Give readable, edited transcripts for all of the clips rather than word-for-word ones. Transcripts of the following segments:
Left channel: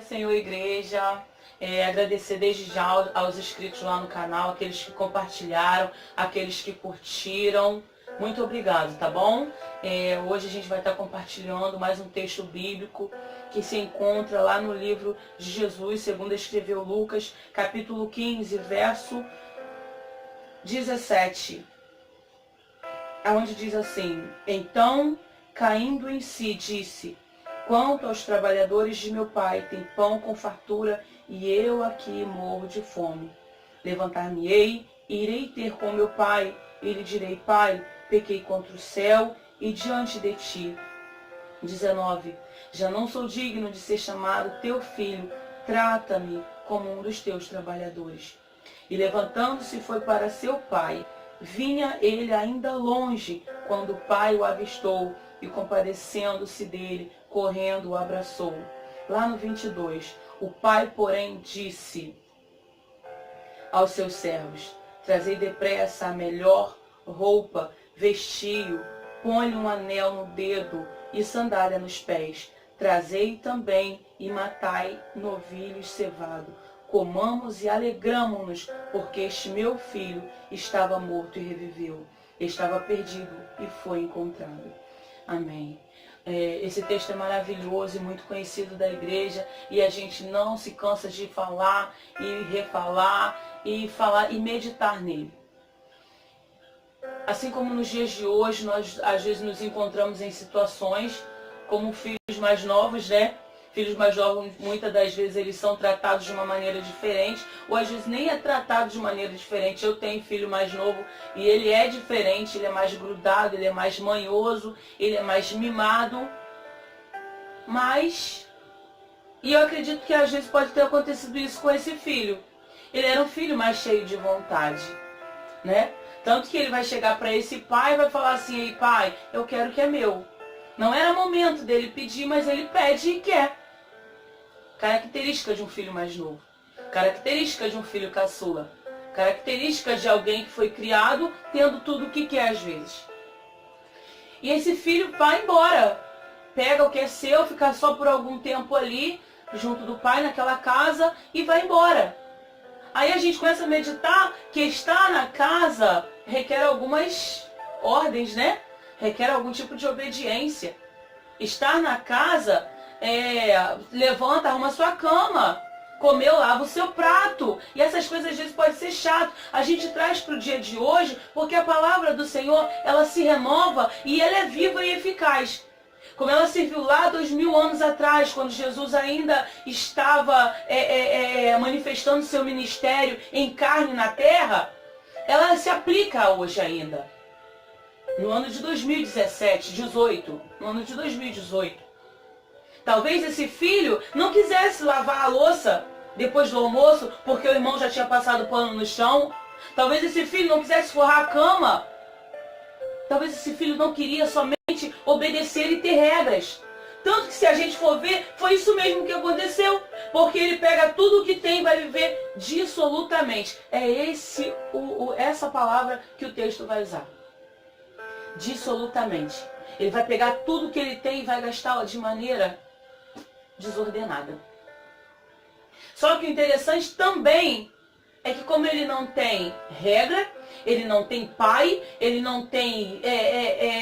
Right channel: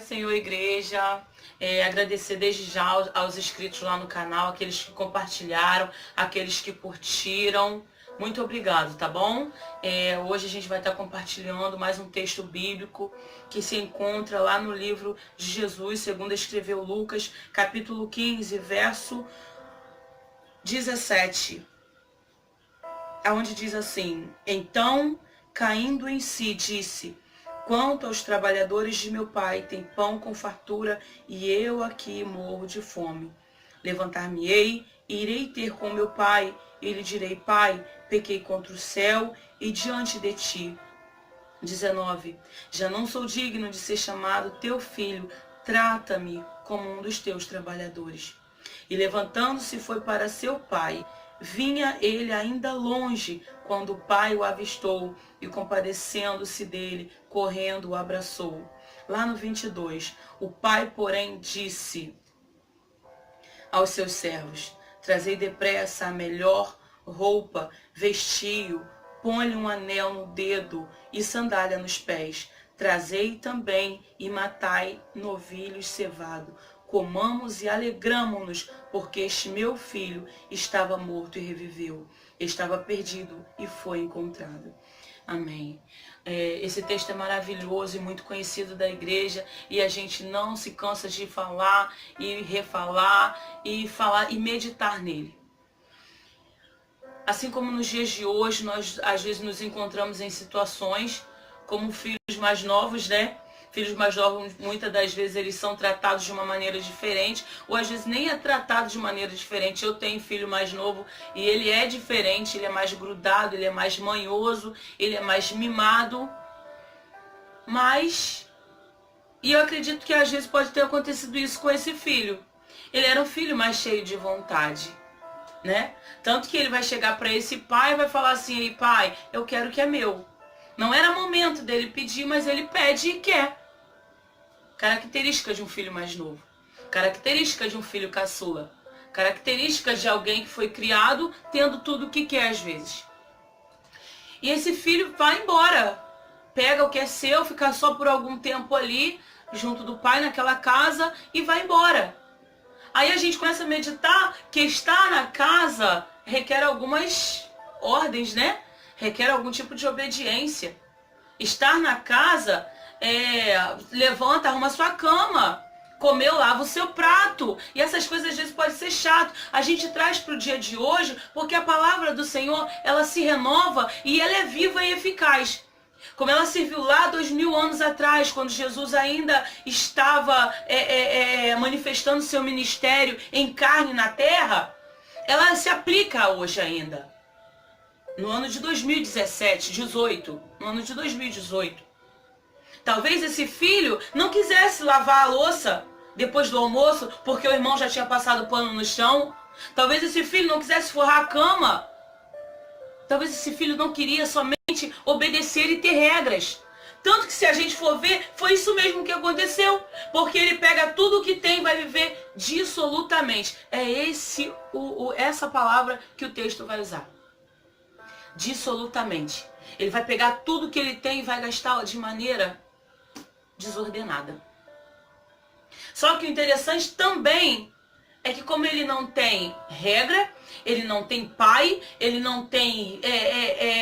Senhor, igreja, agradecer desde já aos inscritos lá no canal, aqueles que compartilharam, aqueles que curtiram. Muito obrigado, tá bom? Hoje a gente vai estar compartilhando mais um texto bíblico que se encontra lá no livro de Jesus, segundo escreveu Lucas, capítulo 15, verso 17, onde diz assim: Então, caindo em si, disse: Quanto aos trabalhadores de meu pai, tem pão com fartura, e eu aqui morro de fome. Levantar-me-ei, e irei ter com meu pai, e lhe direi: Pai, pequei contra o céu e diante de ti. 19. Já não sou digno de ser chamado teu filho, trata-me como um dos teus trabalhadores. E levantando-se foi para seu pai. Vinha ele ainda longe, quando o pai o avistou, e compadecendo-se dele, correndo o abraçou. Lá no 22, o pai, porém, disse aos seus servos: Trazei depressa a melhor roupa, vestiu, põe-lhe um anel no dedo e sandália nos pés. Trazei também e matai novilhos cevado. Comamos e alegramo-nos, porque este meu filho estava morto e reviveu. Estava perdido e foi encontrado. Amém. Esse texto é maravilhoso e muito conhecido da igreja, e a gente não se cansa de falar e refalar e falar e meditar nele. Assim como nos dias de hoje, nós às vezes nos encontramos em situações como filhos mais novos, né? Filhos mais novos, muitas das vezes, eles são tratados de uma maneira diferente, ou às vezes nem é tratado de maneira diferente. Eu tenho filho mais novo e ele é diferente, ele é mais grudado, ele é mais manhoso, ele é mais mimado. E eu acredito que às vezes pode ter acontecido isso com esse filho. Ele era um filho mais cheio de vontade, né? Tanto que ele vai chegar para esse pai e vai falar assim: pai, eu quero o que é meu. Não era momento dele pedir, mas ele pede e quer. Característica de um filho mais novo. Característica de um filho caçula. Característica de alguém que foi criado tendo tudo o que quer às vezes. E esse filho vai embora. Pega o que é seu, fica só por algum tempo ali, junto do pai naquela casa e vai embora. Aí a gente começa a meditar que estar na casa requer algumas ordens, né? Requer algum tipo de obediência. Estar na casa levanta, arruma sua cama, comeu, lava o seu prato. E essas coisas às vezes podem ser chato. A gente traz para o dia de hoje porque a palavra do Senhor, ela se renova e ela é viva e eficaz. Como ela serviu lá 2000 anos atrás, quando Jesus ainda estava manifestando seu ministério em carne na terra, ela se aplica hoje ainda. No ano de 2018. Talvez esse filho não quisesse lavar a louça depois do almoço, porque o irmão já tinha passado pano no chão. Talvez esse filho não quisesse forrar a cama. Talvez esse filho não queria somente obedecer e ter regras. Tanto que, se a gente for ver, foi isso mesmo que aconteceu. Porque ele pega tudo o que tem e vai viver dissolutamente. É essa palavra que o texto vai usar. Dissolutamente. Ele vai pegar tudo que ele tem e vai gastá-la de maneira desordenada. Só que o interessante também é que, como ele não tem regra, ele não tem pai, ele não tem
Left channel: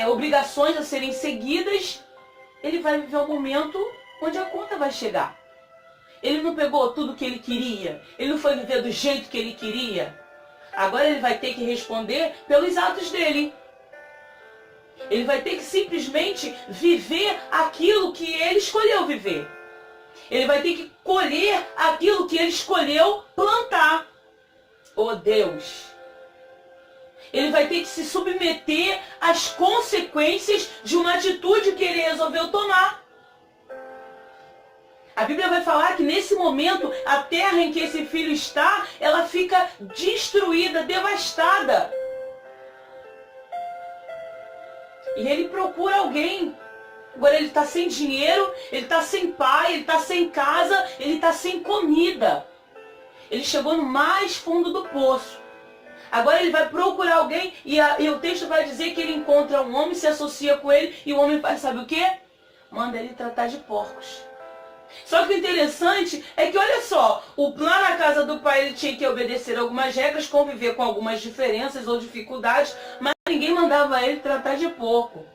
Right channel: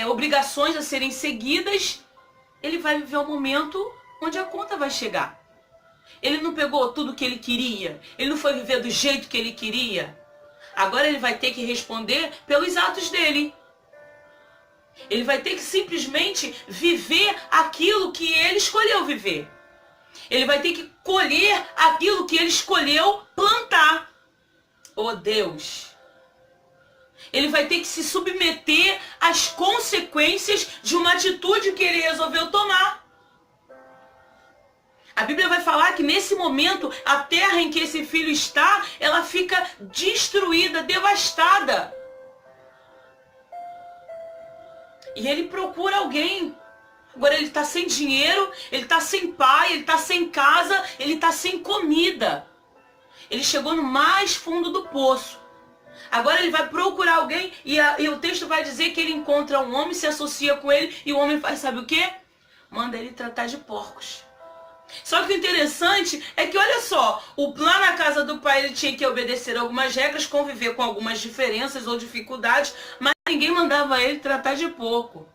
obrigações a serem seguidas, ele vai viver um momento onde a conta vai chegar. Ele não pegou tudo que ele queria, ele não foi viver do jeito que ele queria. Agora ele vai ter que responder pelos atos dele. Ele vai ter que simplesmente viver aquilo que ele escolheu viver. Ele vai ter que colher aquilo que ele escolheu plantar. Oh Deus! Ele vai ter que se submeter às consequências de uma atitude que ele resolveu tomar. A Bíblia vai falar que nesse momento, a terra em que esse filho está, ela fica destruída, devastada. E ele procura alguém. Agora ele está sem dinheiro, ele está sem pai, ele está sem casa, ele está sem comida. Ele chegou no mais fundo do poço. Agora ele vai procurar alguém e o texto vai dizer que ele encontra um homem, se associa com ele, e o homem faz, sabe o quê? Manda ele tratar de porcos. Só que o interessante é que, olha só, lá na casa do pai ele tinha que obedecer algumas regras, conviver com algumas diferenças ou dificuldades, mas ninguém mandava ele tratar de porco.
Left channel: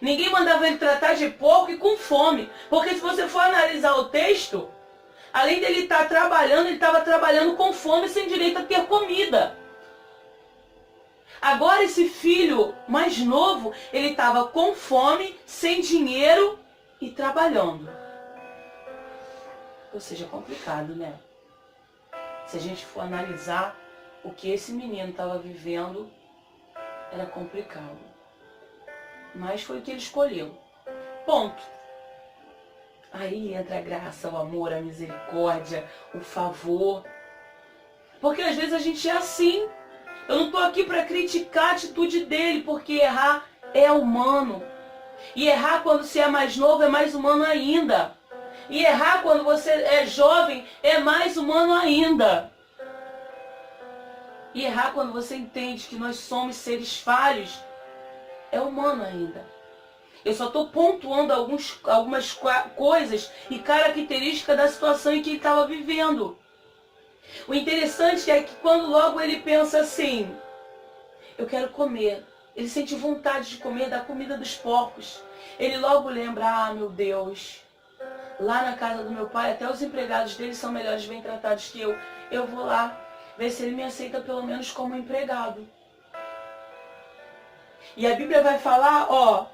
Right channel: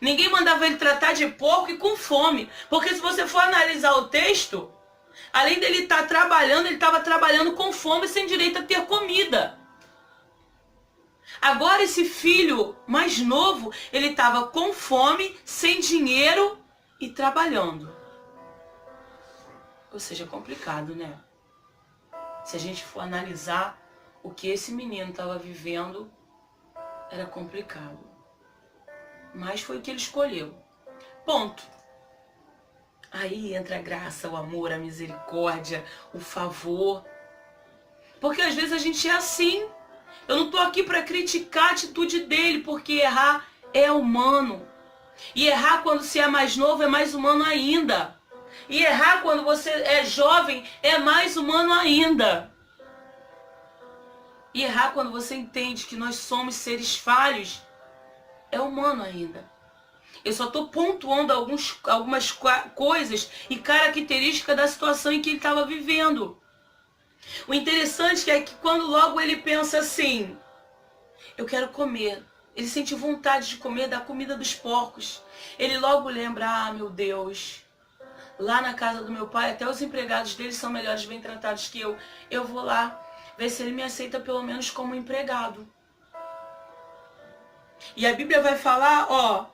Ninguém mandava ele tratar de porco e com fome. Porque se você for analisar o texto, além dele estar trabalhando, ele estava trabalhando com fome sem direito a ter comida. Agora esse filho mais novo, ele estava com fome, sem dinheiro e trabalhando. Ou seja, é complicado, né? Se a gente for analisar o que esse menino estava vivendo, era complicado. Mas foi o que ele escolheu. Ponto. Aí entra a graça, o amor, a misericórdia, o favor. Porque às vezes a gente é assim. Eu não estou aqui para criticar a atitude dele, porque errar é humano. E errar quando você é mais novo é mais humano ainda. E errar quando você é jovem é mais humano ainda. E errar quando você entende que nós somos seres falhos é humano ainda. Eu só estou pontuando algumas coisas e características da situação em que ele estava vivendo. O interessante é que quando logo ele pensa assim, eu quero comer. Ele sente vontade de comer da comida dos porcos. Ele logo lembra, ah, meu Deus, lá na casa do meu pai, até os empregados dele são melhores, bem tratados que eu. Eu vou lá ver se ele me aceita pelo menos como empregado. E a Bíblia vai falar, ó,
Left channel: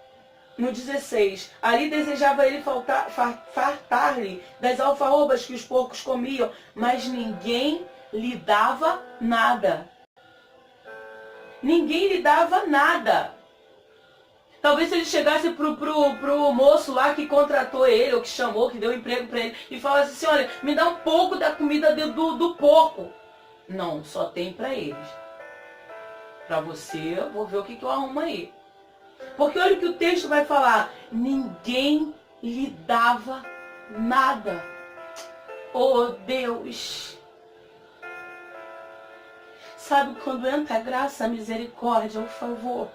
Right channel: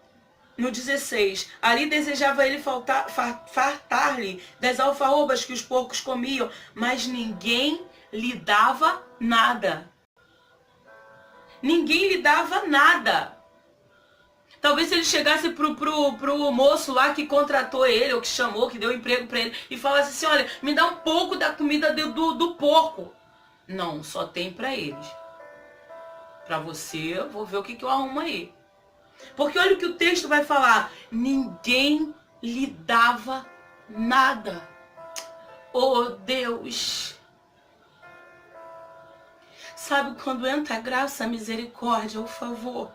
no 16, ali desejava ele fartar-lhe das alfarrobas que os porcos comiam, mas ninguém lhe dava nada. Ninguém lhe dava nada. Talvez se ele chegasse pro moço lá que contratou ele, ou que chamou, que deu emprego para ele, e falasse assim, olha, me dá um pouco da comida do porco. Não, só tem para eles. Para você, eu vou ver o que eu arrumo aí. Porque olha o que o texto vai falar. Ninguém lhe dava nada. Oh, Deus. Sabe quando entra a graça, a misericórdia, o favor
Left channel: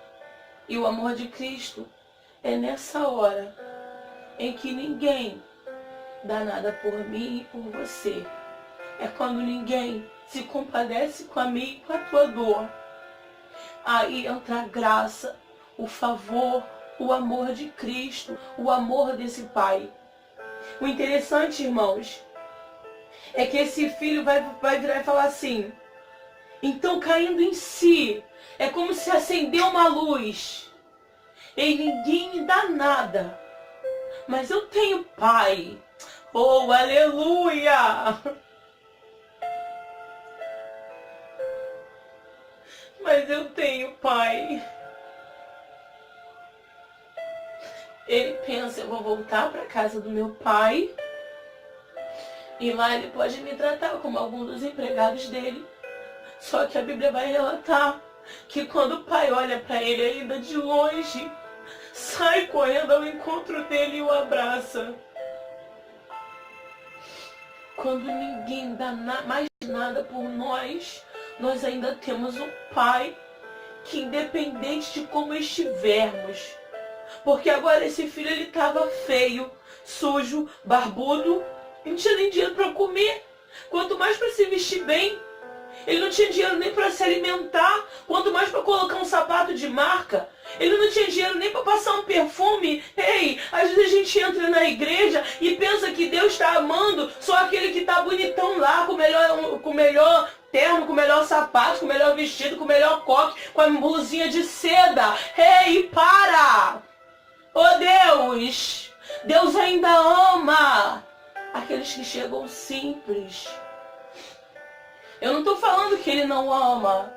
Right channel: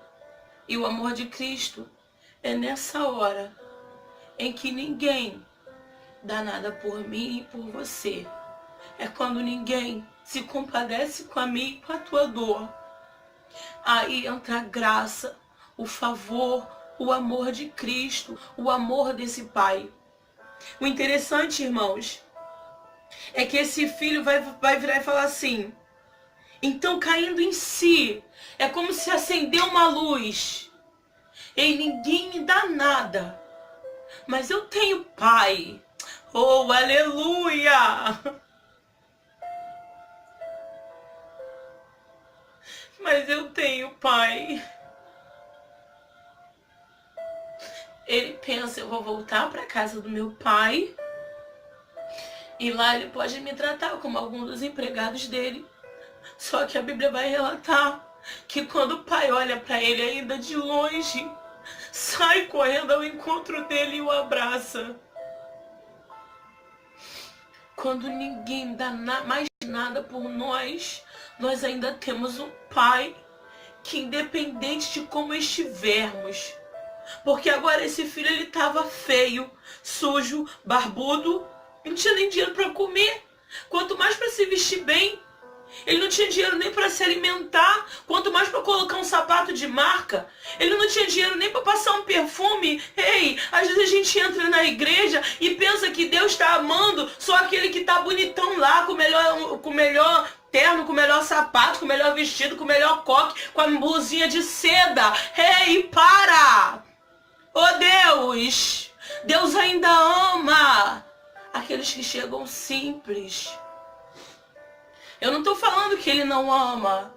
e o amor de Cristo? É nessa hora em que ninguém dá nada por mim e por você. É quando ninguém se compadece com a minha e com a tua dor. Aí entra a graça, o favor, o amor de Cristo, o amor desse Pai. O interessante, irmãos, é que esse filho vai virar e falar assim, então caindo em si, é como se acendeu uma luz, e ninguém me dá nada, mas eu tenho Pai. Oh, aleluia! Mas eu tenho Pai. Ele pensa, eu vou voltar para casa do meu pai e lá ele pode me tratar como algum dos empregados dele. Só que a Bíblia vai relatar que quando o pai olha para ele ainda de longe, sai correndo ao encontro dele e o abraça. Quando ninguém dá mais nada por nós, nós ainda temos um Pai que, independente de como estivermos, porque agora esse filho ele estava feio, sujo, barbudo, não tinha nem dinheiro para comer, quanto mais para se vestir bem. Ele não tinha dinheiro nem para se alimentar, quanto mais para colocar um sapato de marca. Ele não tinha dinheiro nem para passar um perfume. Ei, às vezes a gente entra na igreja e pensa que Deus está amando só aquele que está bonitão lá, com o melhor terno, com o melhor sapato, com o melhor vestido, com o melhor coque, com a blusinha de seda. Ei, para! Oh Deus! Deus ainda ama aqueles que chegam simples. Eu não estou falando que ele não ama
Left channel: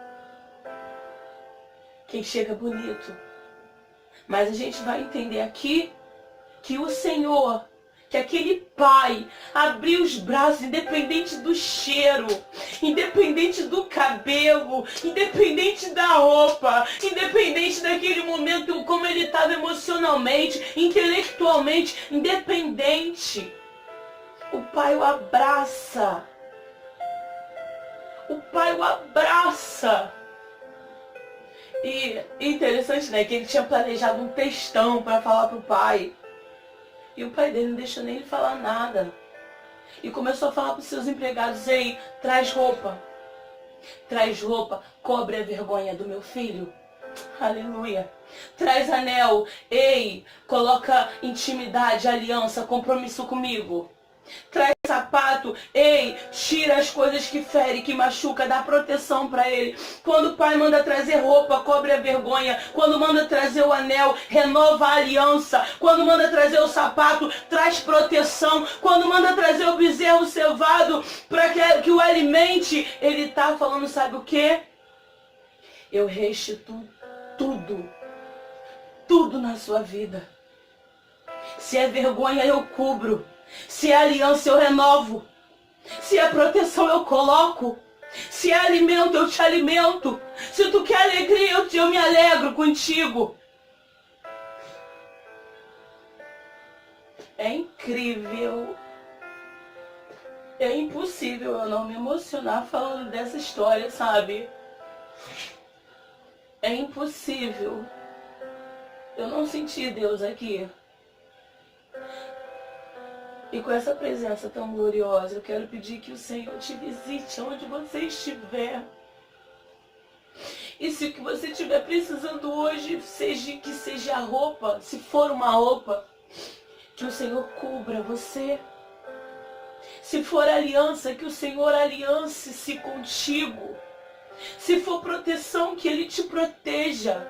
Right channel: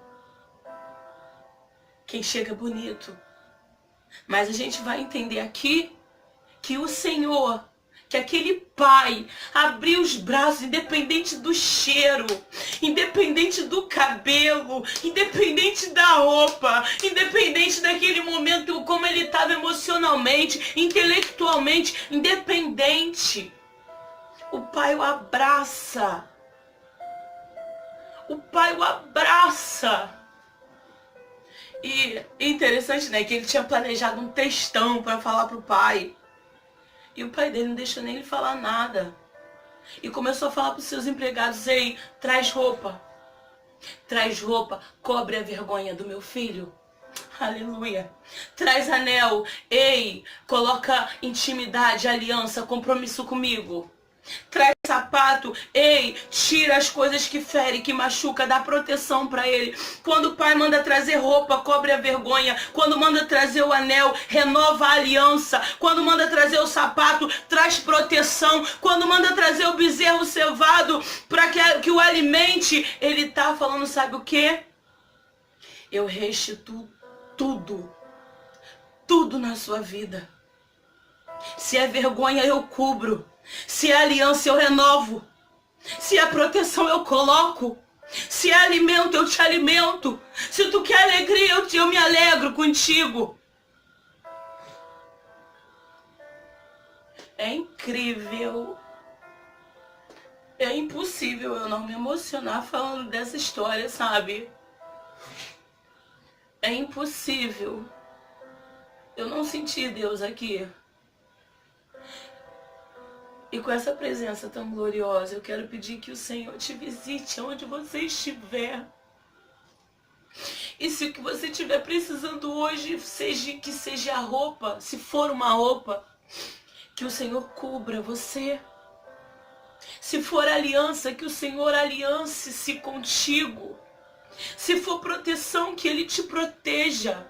quem chega bonito. Mas a gente vai entender aqui que o Senhor, que aquele Pai abriu os braços, independente do cheiro, independente do cabelo, independente da roupa, independente daquele momento como ele estava emocionalmente, intelectualmente, independente. O Pai o abraça. O pai o abraça. E interessante, né? Que ele tinha planejado um textão para falar pro pai. E o pai dele não deixou nem ele falar nada. E começou a falar para os seus empregados: ei, traz roupa, cobre a vergonha do meu filho. Aleluia. Traz anel, ei, coloca intimidade, aliança, compromisso comigo. Traz sapato, ei, tira as coisas que ferem, que machuca, dá proteção para ele. Quando o pai manda trazer roupa, cobre a vergonha. Quando manda trazer o anel, renova a aliança. Quando manda trazer o sapato, traz proteção. Quando manda trazer o bezerro cevado para que o alimente, ele tá falando, sabe o que? Eu restituo tudo na sua vida. Se é vergonha, eu cubro. Se é aliança, eu renovo. Se é proteção, eu coloco. Se é alimento, eu te alimento. Se tu quer alegria, eu me alegro contigo. É incrível. É impossível eu não me emocionar falando dessa história, sabe? É impossível eu não sentir Deus aqui. E com essa presença tão gloriosa, eu quero pedir que o Senhor te visite onde você estiver. E se o que você estiver precisando hoje que seja a roupa, se for uma roupa, que o Senhor cubra você. Se for aliança, que o Senhor aliance-se contigo. Se for proteção, que Ele te proteja.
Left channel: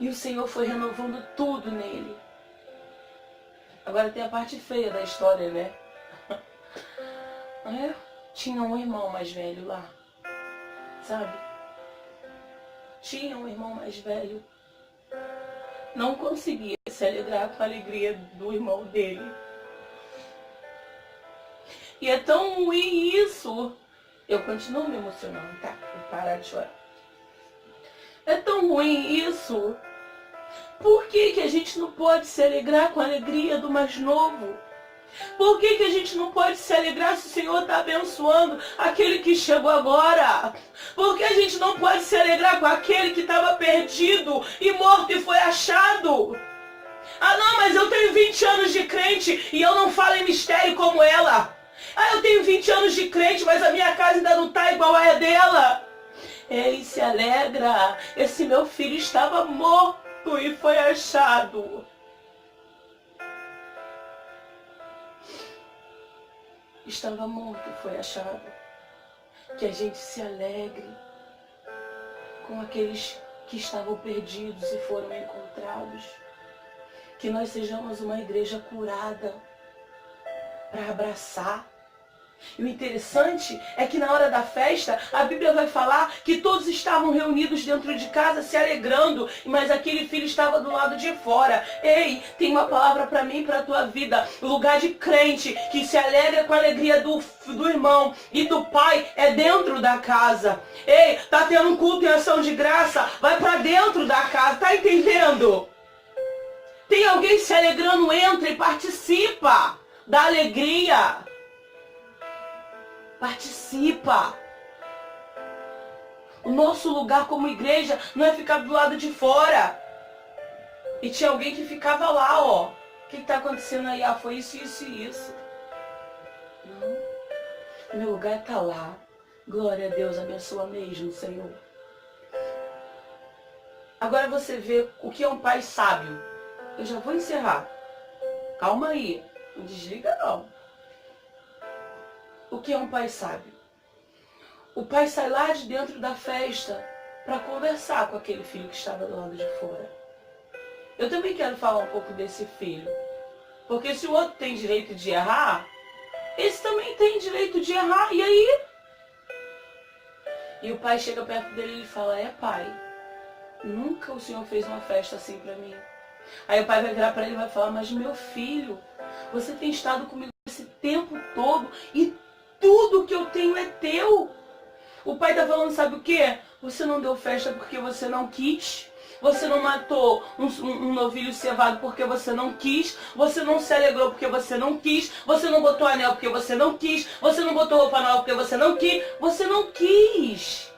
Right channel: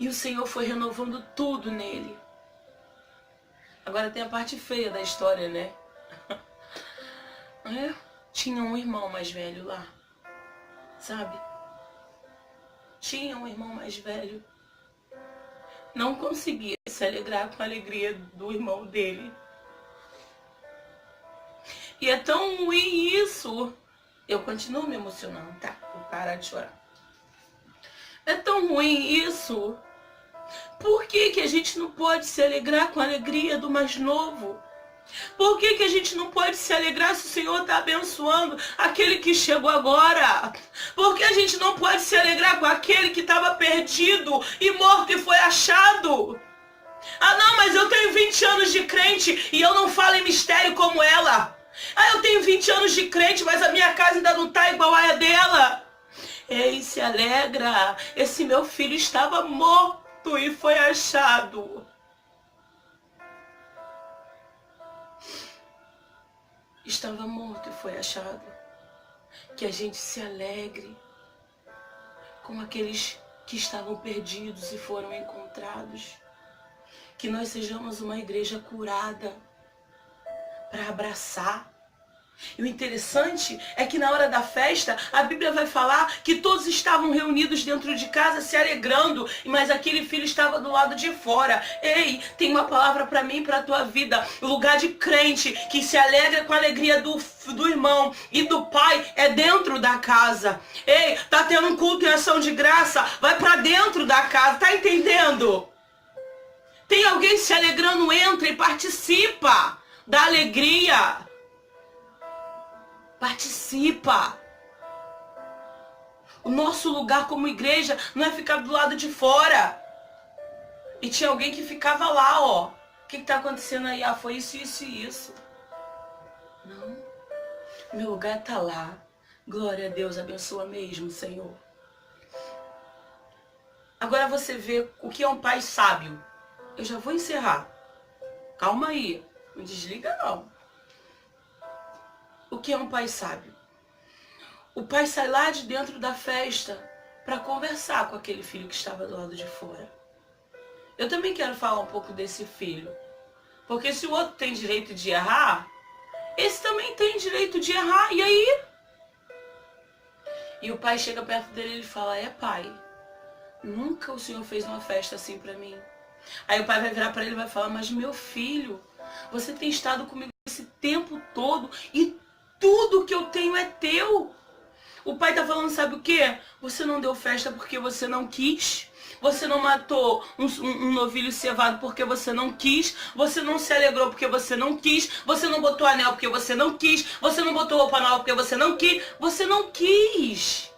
E o Senhor foi renovando tudo nele. Agora tem a parte feia da história, né? Tinha um irmão mais velho lá, sabe? Tinha um irmão mais velho. Não conseguia se alegrar com a alegria do irmão dele. E é tão ruim isso. Eu continuo me emocionando, tá? Vou parar de chorar. É tão ruim isso. Por que a gente não pode se alegrar com a alegria do mais novo? Por que a gente não pode se alegrar se o Senhor está abençoando aquele que chegou agora? Por que a gente não pode se alegrar com aquele que estava perdido e morto e foi achado? Ah não, mas eu tenho 20 anos de crente e eu não falo em mistério como ela. Ah, eu tenho 20 anos de crente, mas a minha casa ainda não está igual a dela. Ei, se alegra, esse meu filho estava morto e foi achado. Estava morto e foi achado. Que a gente se alegre com aqueles que estavam perdidos e foram encontrados. Que nós sejamos uma igreja curada para abraçar. E o interessante é que na hora da festa, a Bíblia vai falar que todos estavam reunidos dentro de casa se alegrando, mas aquele filho estava do lado de fora. Ei, tem uma palavra para mim e para a tua vida. O lugar de crente que se alegra com a alegria do irmão e do pai é dentro da casa. Ei, tá tendo um culto em ação de graça, vai para dentro da casa, tá entendendo? Tem alguém se alegrando, entra e participa da alegria. Participa. O nosso lugar como igreja não é ficar do lado de fora. E tinha alguém que ficava lá, ó. O que está acontecendo aí? Ah, foi isso, isso e isso. Não. Meu lugar está lá. Glória a Deus, abençoa mesmo, Senhor. Agora você vê o que é um pai sábio. Eu já vou encerrar. Calma aí. Não desliga não. O que é um pai sábio? O pai sai lá de dentro da festa para conversar com aquele filho que estava do lado de fora. Eu também quero falar um pouco desse filho. Porque se o outro tem direito de errar, esse também tem direito de errar. E aí? E o pai chega perto dele e fala: é pai, nunca o senhor fez uma festa assim para mim. Aí o pai vai virar para ele e vai falar: mas meu filho, você tem estado comigo esse tempo todo e tudo que eu tenho é teu. O pai está falando, sabe o quê? Você não deu festa porque você não quis. Você não matou um novilho cevado porque você não quis. Você não se alegrou porque você não quis. Você não botou anel porque você não quis. Você não botou roupa nova porque você não quis. Você não quis.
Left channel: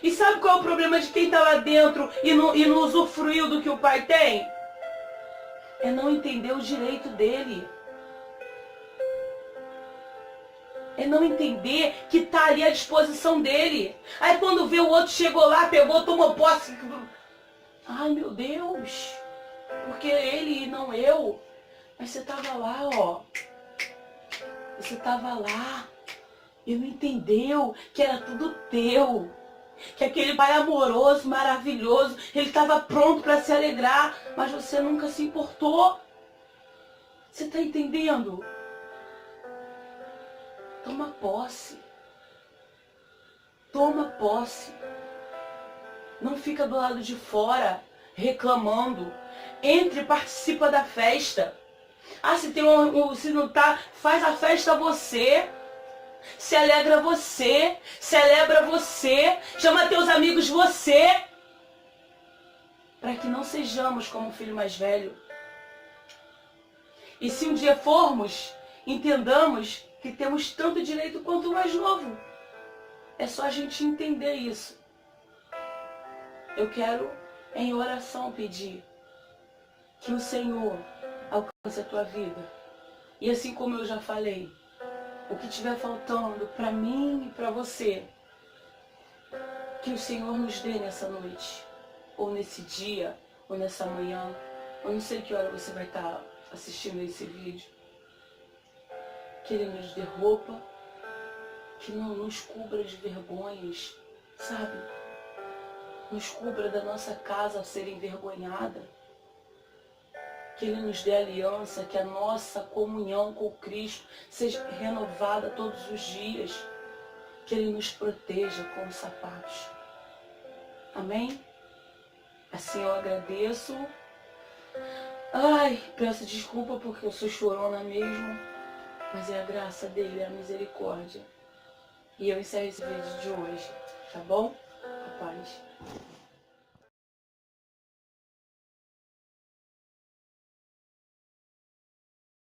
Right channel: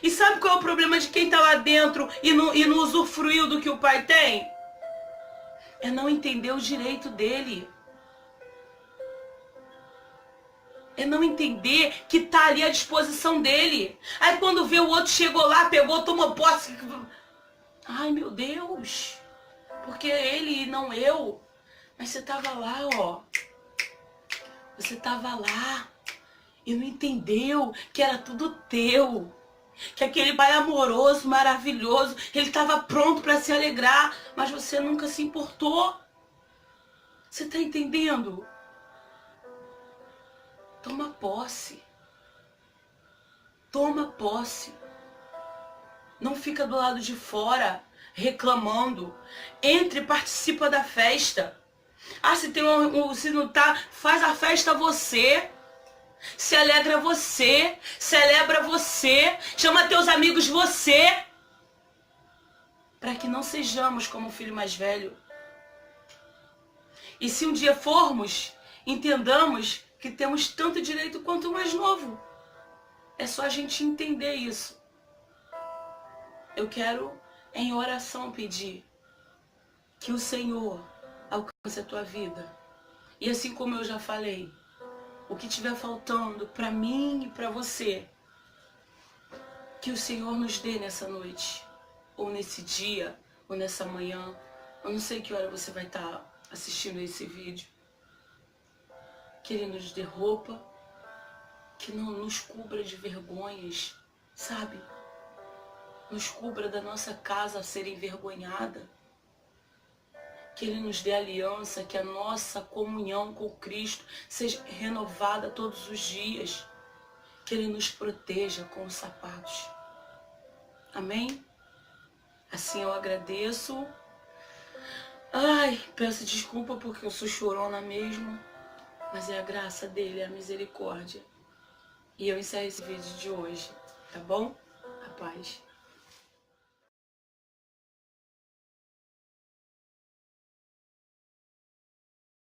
E sabe qual é o problema de quem está lá dentro e não usufruiu do que o pai tem? É não entender o direito dele. É não entender que tá ali à disposição dele. Aí quando vê o outro chegou lá, pegou, tomou posse. Ai, meu Deus. Porque ele e não eu. Mas você tava lá, ó. Você tava lá e não entendeu que era tudo teu. Que aquele pai amoroso, maravilhoso, ele estava pronto para se alegrar, mas você nunca se importou. Você está entendendo? Toma posse. Toma posse. Não fica do lado de fora reclamando. Entre e participa da festa. Ah, se tem se não tá, faz a festa você. Se alegra você, celebra você, chama teus amigos você. Para que não sejamos como o filho mais velho. E se um dia formos, entendamos que temos tanto direito quanto o mais novo. É só a gente entender isso. Eu quero, em oração, pedir que o Senhor alcance a tua vida. E assim como eu já falei, o que estiver faltando para mim e para você, que o Senhor nos dê nessa noite, ou nesse dia, ou nessa manhã. Eu não sei que hora você vai estar assistindo esse vídeo. Que Ele nos dê roupa, que não nos cubra de vergonhas, sabe? Nos cubra da nossa casa a ser envergonhada. Que Ele nos dê aliança, que a nossa comunhão com Cristo seja renovada todos os dias. Que Ele nos proteja com os sapatos. Amém? Assim eu agradeço. Ai, peço desculpa porque eu sou chorona mesmo. Mas é a graça dele, é a misericórdia. E eu encerro esse vídeo de hoje, tá bom? A paz.